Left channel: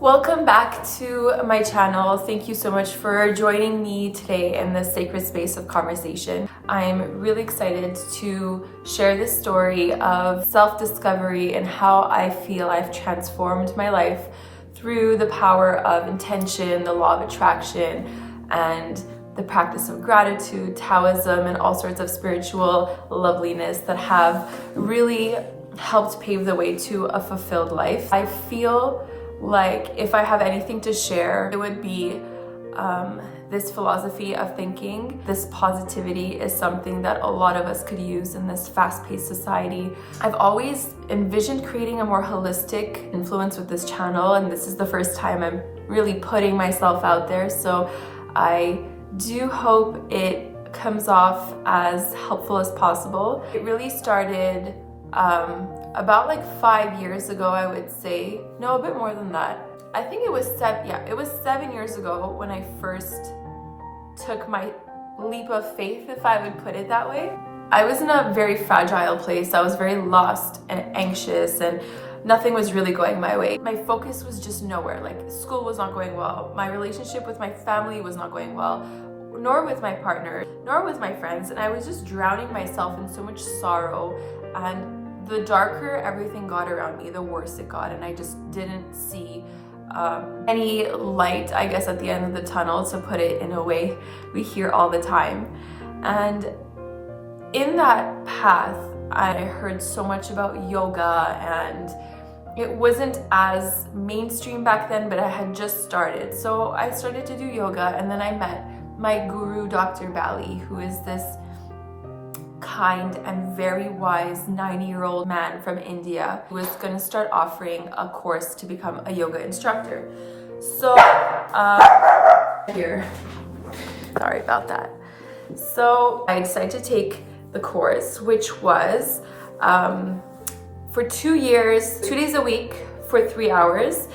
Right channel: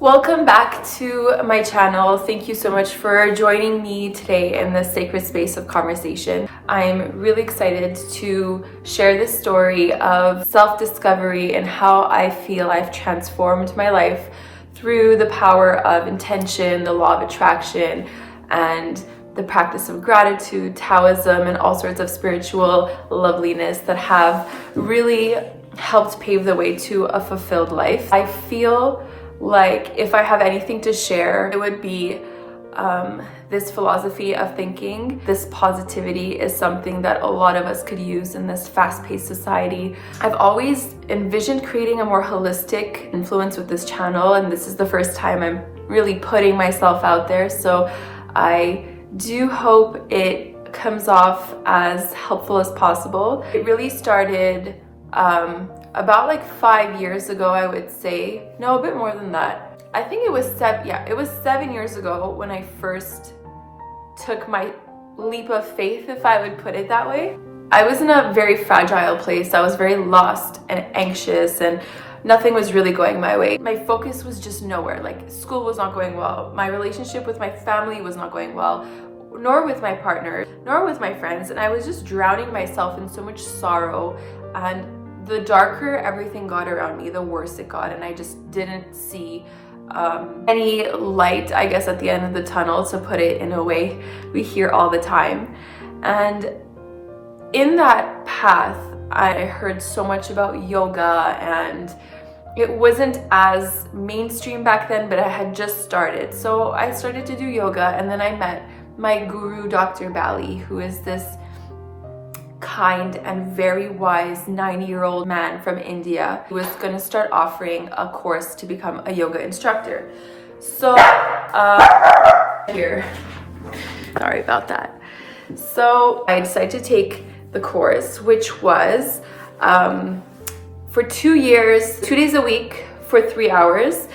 Welcome back to my channel. Thank you so much for joining me today in this sacred space of conversation. I'm really excited to share this story of self-discovery and how I feel I've transformed my life through the power of intention, the law of attraction, and the practice of gratitude, Taoism, and all sorts of spiritual loveliness that have really helped pave the way to a fulfilled life. I feel like if I have anything to share, it would be this philosophy of thinking. This positivity is something that a lot of us could use in this fast-paced society. I've always envisioned creating a more holistic influence with this channel, and this is the first time I'm really putting myself out there. So I do hope it comes off as helpful as possible. It really started about like 5 years ago, I would say. No, a bit more than that. I think it was 7 years ago when I first took my leap of faith, if I would put it that way. I was in a very fragile place. I was very lost and anxious, and nothing was really going my way. My focus was just nowhere. Like, school was not going well. My relationship with my family was not going well, nor with my partner, nor with my friends. And I was just drowning myself in so much sorrow, and the darker everything got around me, the worse it got, and I just didn't see any light, I guess, at the end of the tunnel, to put it in a way we hear all the time. And in that path, I heard so much about yoga, and it wasn't as mainstream back then, but I had just started. So I started to do yoga, and then I met my guru, Dr. Bali, who is this kind and very wise 90-year-old man from India who was going to start offering a course to become a yoga instructor. So sorry about that. So I decided to take the course, which was for 2 years, 2 days a week for 3 hours.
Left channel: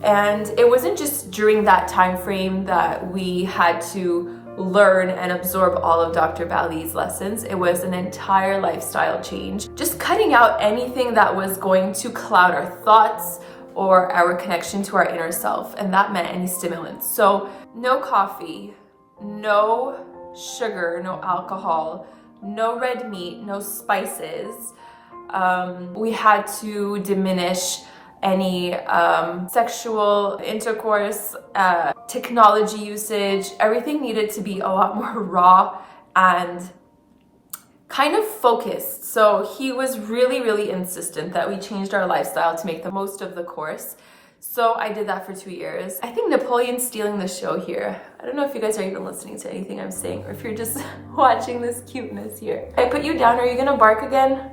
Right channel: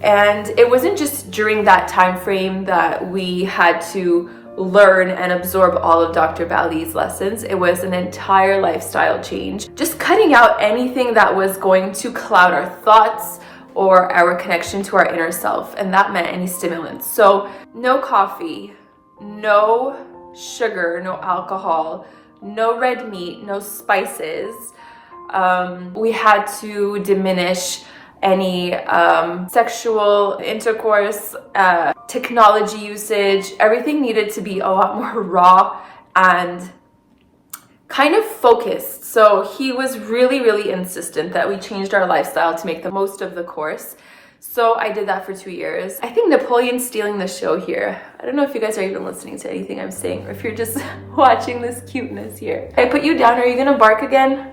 And it wasn't just during that time frame that we had to learn and absorb all of Dr. Bali's lessons. It was an entire lifestyle change, just cutting out anything that was going to cloud our thoughts or our connection to our inner self, and that meant any stimulants. So no coffee, no sugar, no alcohol, no red meat, no spices. We had to diminish any sexual intercourse, technology usage. Everything needed to be a lot more raw and kind of focused. So he was really, really insistent that we changed our lifestyle to make the most of the course. So I did that for 2 years. I think Napoleon's stealing the show here. I don't know if you guys are even listening to anything I'm saying, or if you're just watching this cuteness here. I put you down, are you gonna bark again?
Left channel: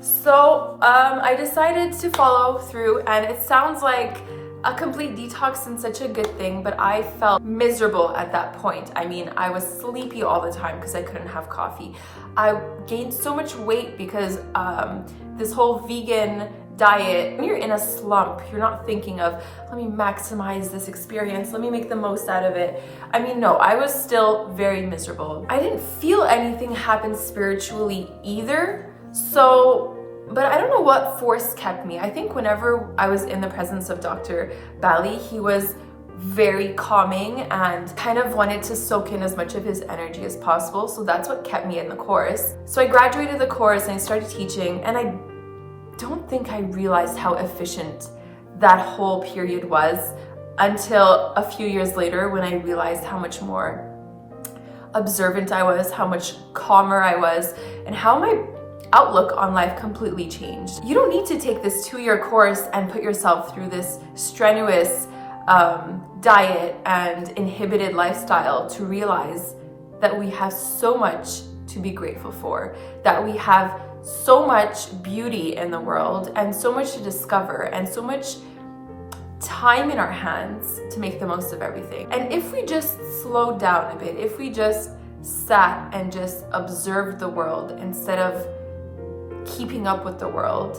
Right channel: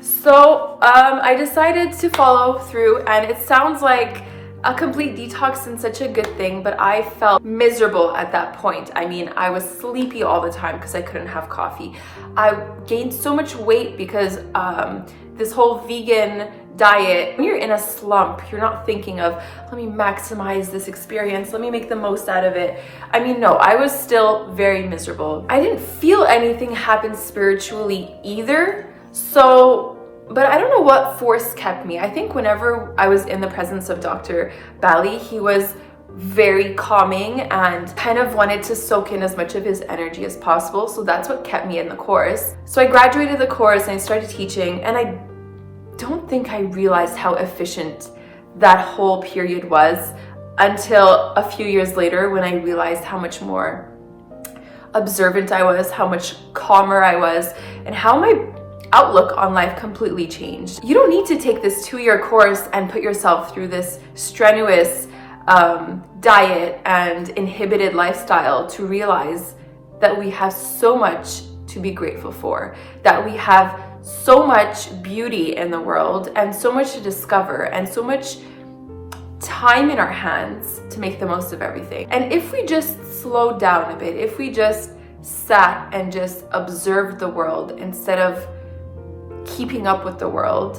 So I decided to follow through, and it sounds like a complete detox and such a good thing, but I felt miserable at that point. I mean, I was sleepy all the time because I couldn't have coffee. I gained so much weight because this whole vegan diet, when you're in a slump, you're not thinking of, let me maximize this experience, let me make the most out of it. I mean, no, I was still very miserable. I didn't feel anything happen spiritually either. But I don't know what force kept me. I think whenever I was in the presence of Dr. Bali, he was very calming and kind of wanted to soak in as much of his energy as possible. So that's what kept me in the course. So I graduated the course and I started teaching, and I don't think I realized how efficient that whole period was until a few years later, when I realized how much more observant I was, how much calmer I was, and how my outlook on life completely changed. You don't need to take this 2-year course and put yourself through this strenuous diet and inhibited lifestyle to realize that we have so much to be grateful for, that we have so much beauty in the world and so much to discover and so much time in our hands to make the most of everything. And if we just slowed down a bit, if we just sat and just observed the world instead of keeping up with the world,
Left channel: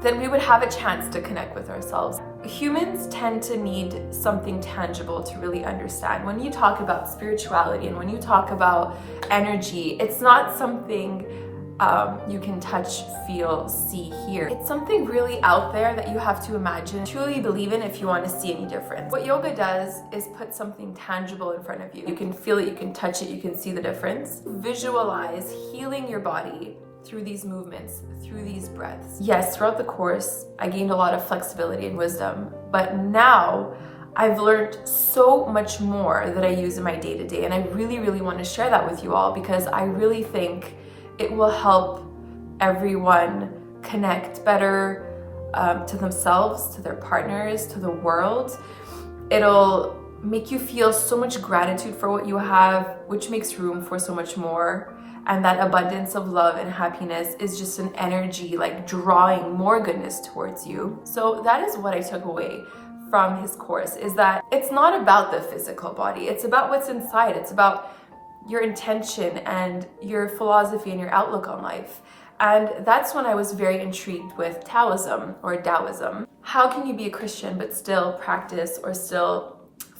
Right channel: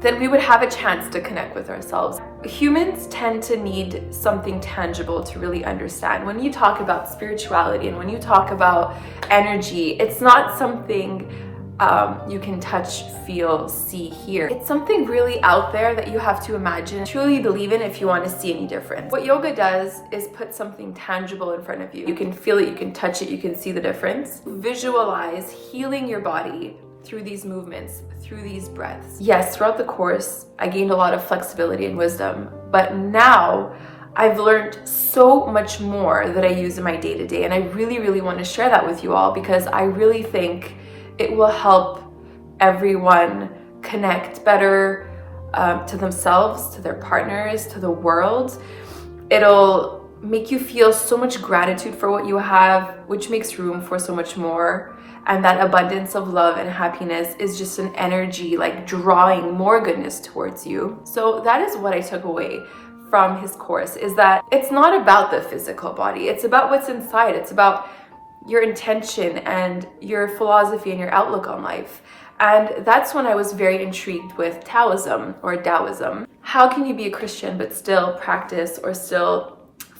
then we would have a chance to connect with ourselves. Humans tend to need something tangible to really understand. When you talk about spirituality and when you talk about energy, it's not something you can touch, feel, see, hear. It's something really out there that you have to imagine, truly believe in if you want to see any difference. What yoga does is put something tangible in front of you. You can feel it, you can touch it, you can see the difference. Visualize healing your body through these movements, through these breaths. Yes, throughout the course, I gained a lot of flexibility and wisdom, but now I've learned so much more that I use in my day-to-day, and I really want to share that with you all because I really think it will help everyone connect better to themselves, to their partners, to the world. It'll make you feel so much gratitude for what you have, which makes room for so much more. And that abundance of love and happiness is just an energy like drawing more goodness towards you. So that is what I took away from his course, is that it's not about the physical body. It's about what's inside. It's about your intention and your philosophy and your outlook on life. And that's when I was very intrigued with Taoism or Taoism. How can you be a Christian but still practice or still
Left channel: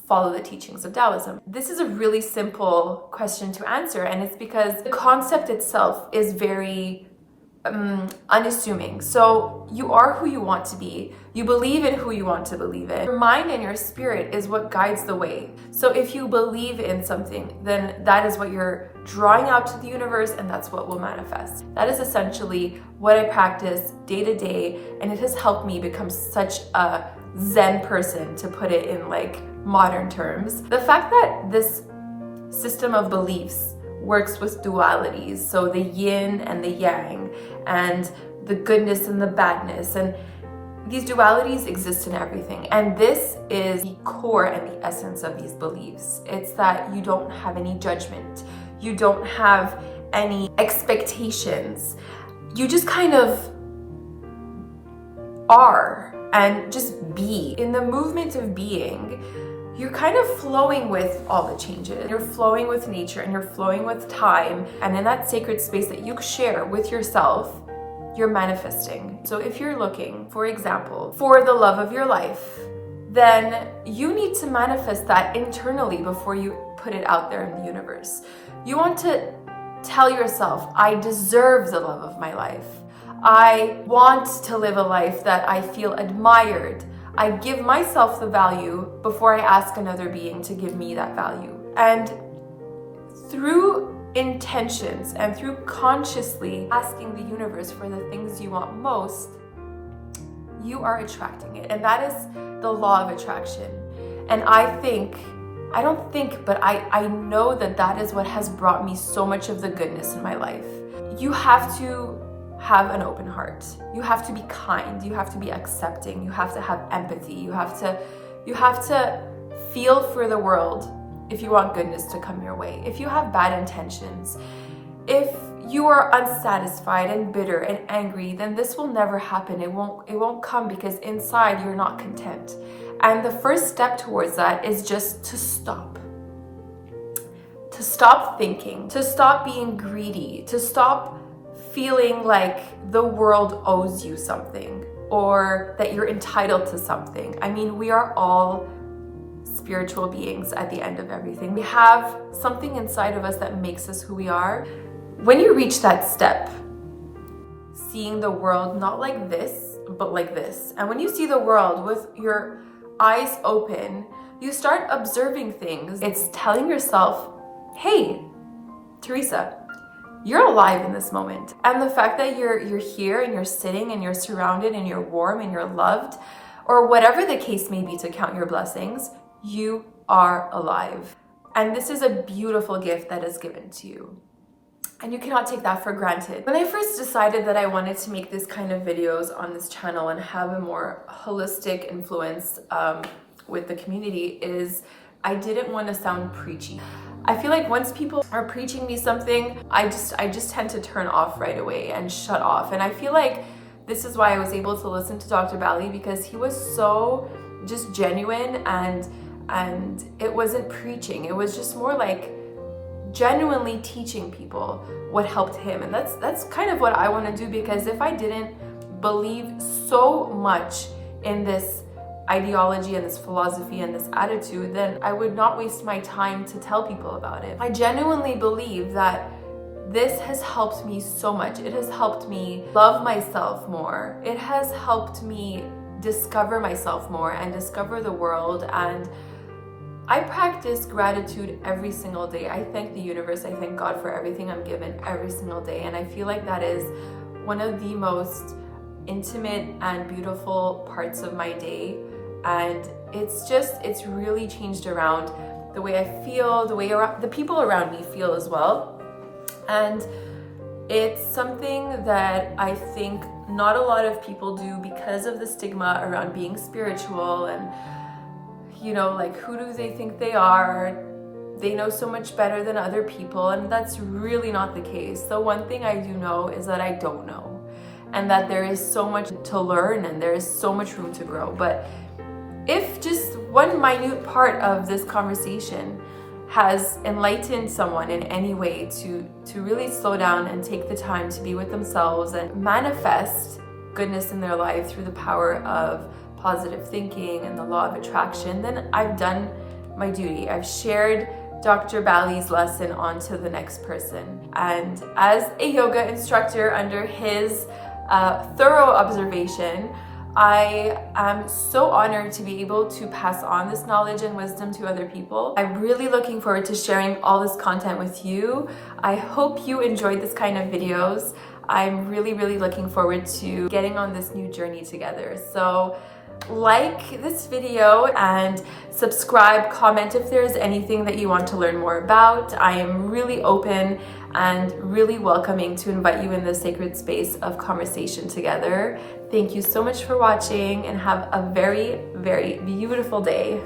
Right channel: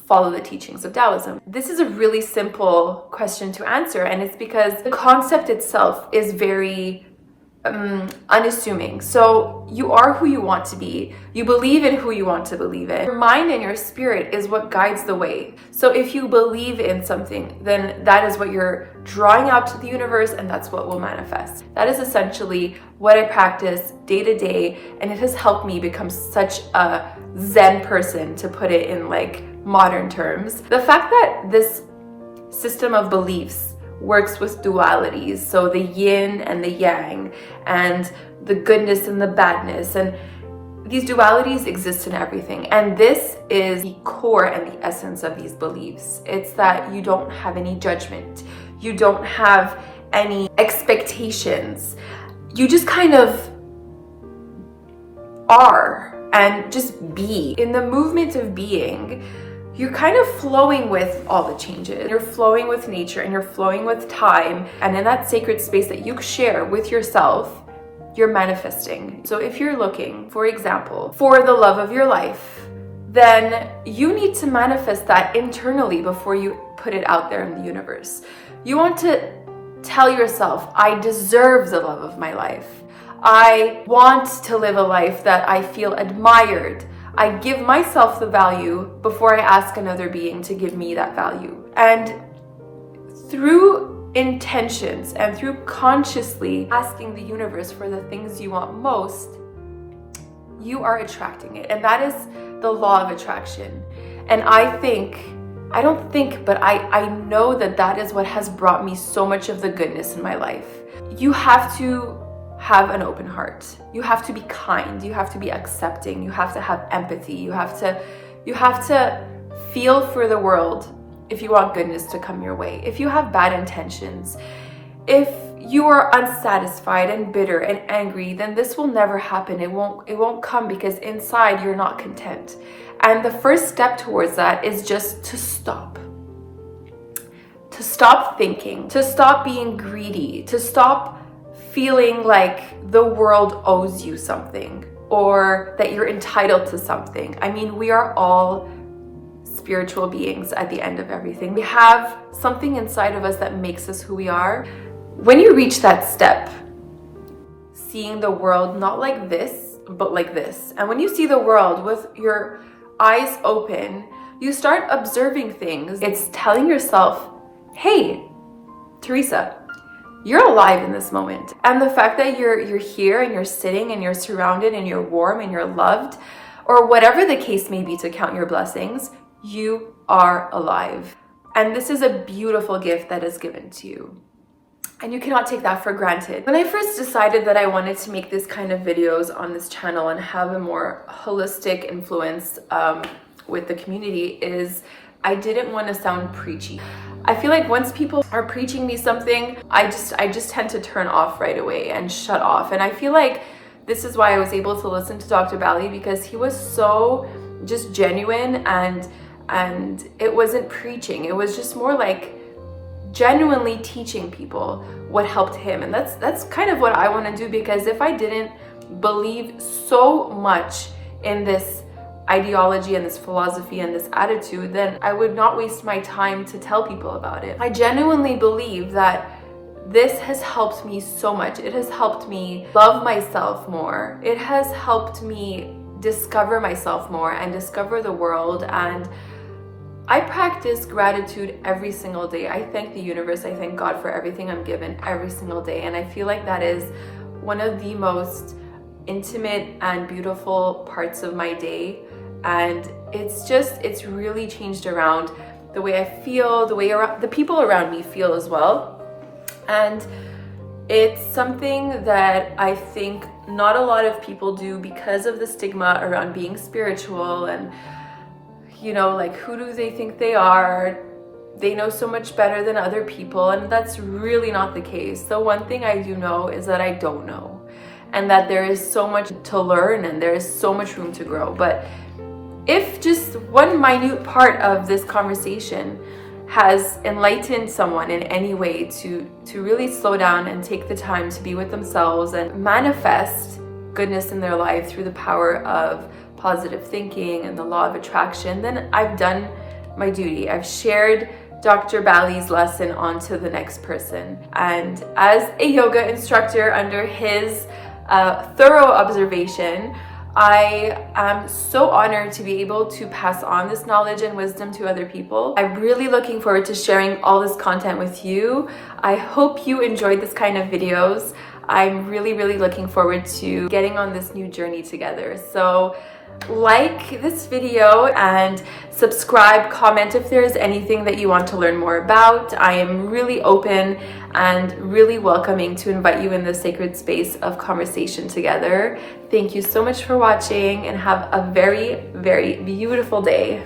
follow the teachings of Taoism? This is a really simple question to answer, and it's because the concept itself is very unassuming. So you are who you want to be. You believe in who you want to believe in. Your mind and your spirit is what guides the way. So if you believe in something, then that is what you're drawing out to the universe, and that's what will manifest. That is essentially what I practice day to day, and it has helped me become such a Zen person, to put it in like modern terms. The fact that this system of beliefs works with dualities, so the yin and the yang, and the goodness and the badness, and these dualities exist in everything. And this is the core and the essence of these beliefs. It's that you don't have any judgment, you don't have any expectations, you just kind of are and just be. In the movement of being, you're kind of flowing with all the changes. You're flowing with nature and you're flowing with time. And in that sacred space that you share with yourself, you're manifesting. So if you're looking, for example, for the love of your life, then you need to manifest that internally before you put it out there in the universe. You want to tell yourself, I deserve the love of my life. I want to live a life that I feel admired. I give myself the value before I ask another being to give me that value. And through intentions and through consciously asking the universe for the things you want most, you are attracting it. And that is the law of attraction. And I know that that is what has brought me so much of the goodness in my life. You have to have an open heart. You have to be kind. You have to be accepting. You have to have empathy. You have to feel for the world if you want goodness to come your way. If you have bad intentions, if you are unsatisfied and bitter and angry, then this will never happen. It won't come because inside you're not content. And the first step towards that is just to stop. To stop thinking, to stop being greedy, to stop feeling like the world owes you something or that you're entitled to something. I mean, we are all spiritual beings at the end of everything. We have something inside of us that makes us who we are. When you reach that step, seeing the world not like this, but like this, and when you see the world with your eyes open, you start observing things. It's telling yourself, hey, Teresa, you're alive in this moment. And the fact that you're here and you're sitting and you're surrounded and you're warm and you're loved, or whatever the case may be to count your blessings, you are alive. And this is a beautiful gift that is given to you. And you cannot take that for granted. When I first decided that I wanted to make this kind of videos on this channel and have a more holistic influence with the community, is I didn't want to sound preachy. I feel like once people are preaching me something, I just tend to turn off right away and shut off. And I feel like this is why I was able to listen to Dr. Bali, because he was so just genuine and it wasn't preaching. It was just more like genuinely teaching people what helped him. And that's kind of what I want to do, because if I didn't believe so much in this ideology and this philosophy and this attitude, then I would not waste my time to tell people about it. I genuinely believe that this has helped me so much. It has helped me love myself more. It has helped me discover myself more and discover the world. And I practice gratitude every single day. I thank the universe, I thank God for everything I'm given every single day. And I feel like that is one of the most intimate and beautiful parts of my day. And it's really changed around the way I feel, the way the people around me feel as well. And it's something that I think not a lot of people do because of the stigma around being spiritual and, you know, like, who do they think they are? They know so much better than other people, and that's really not the case. The one thing I do know is that I don't know, and that there is so much to learn and there is so much room to grow. But if just one minute part of this conversation has enlightened someone in any way to really slow down and take the time to be with themselves and manifest goodness in their life through the power of positive thinking and the law of attraction, then I've done my duty. I've shared Dr. Bali's lesson onto the next person. And as a yoga instructor under his thorough observation, I am so honored to be able to pass on this knowledge and wisdom to other people. I'm really looking forward to sharing all this content with you. I hope you enjoyed this kind of videos. I'm really looking forward to getting on this new journey together. So like this video and subscribe, comment if there's anything that you want to learn more about. I am really open and really welcoming to invite you in the sacred space of conversation together. Thank you so much for watching and have a very beautiful day.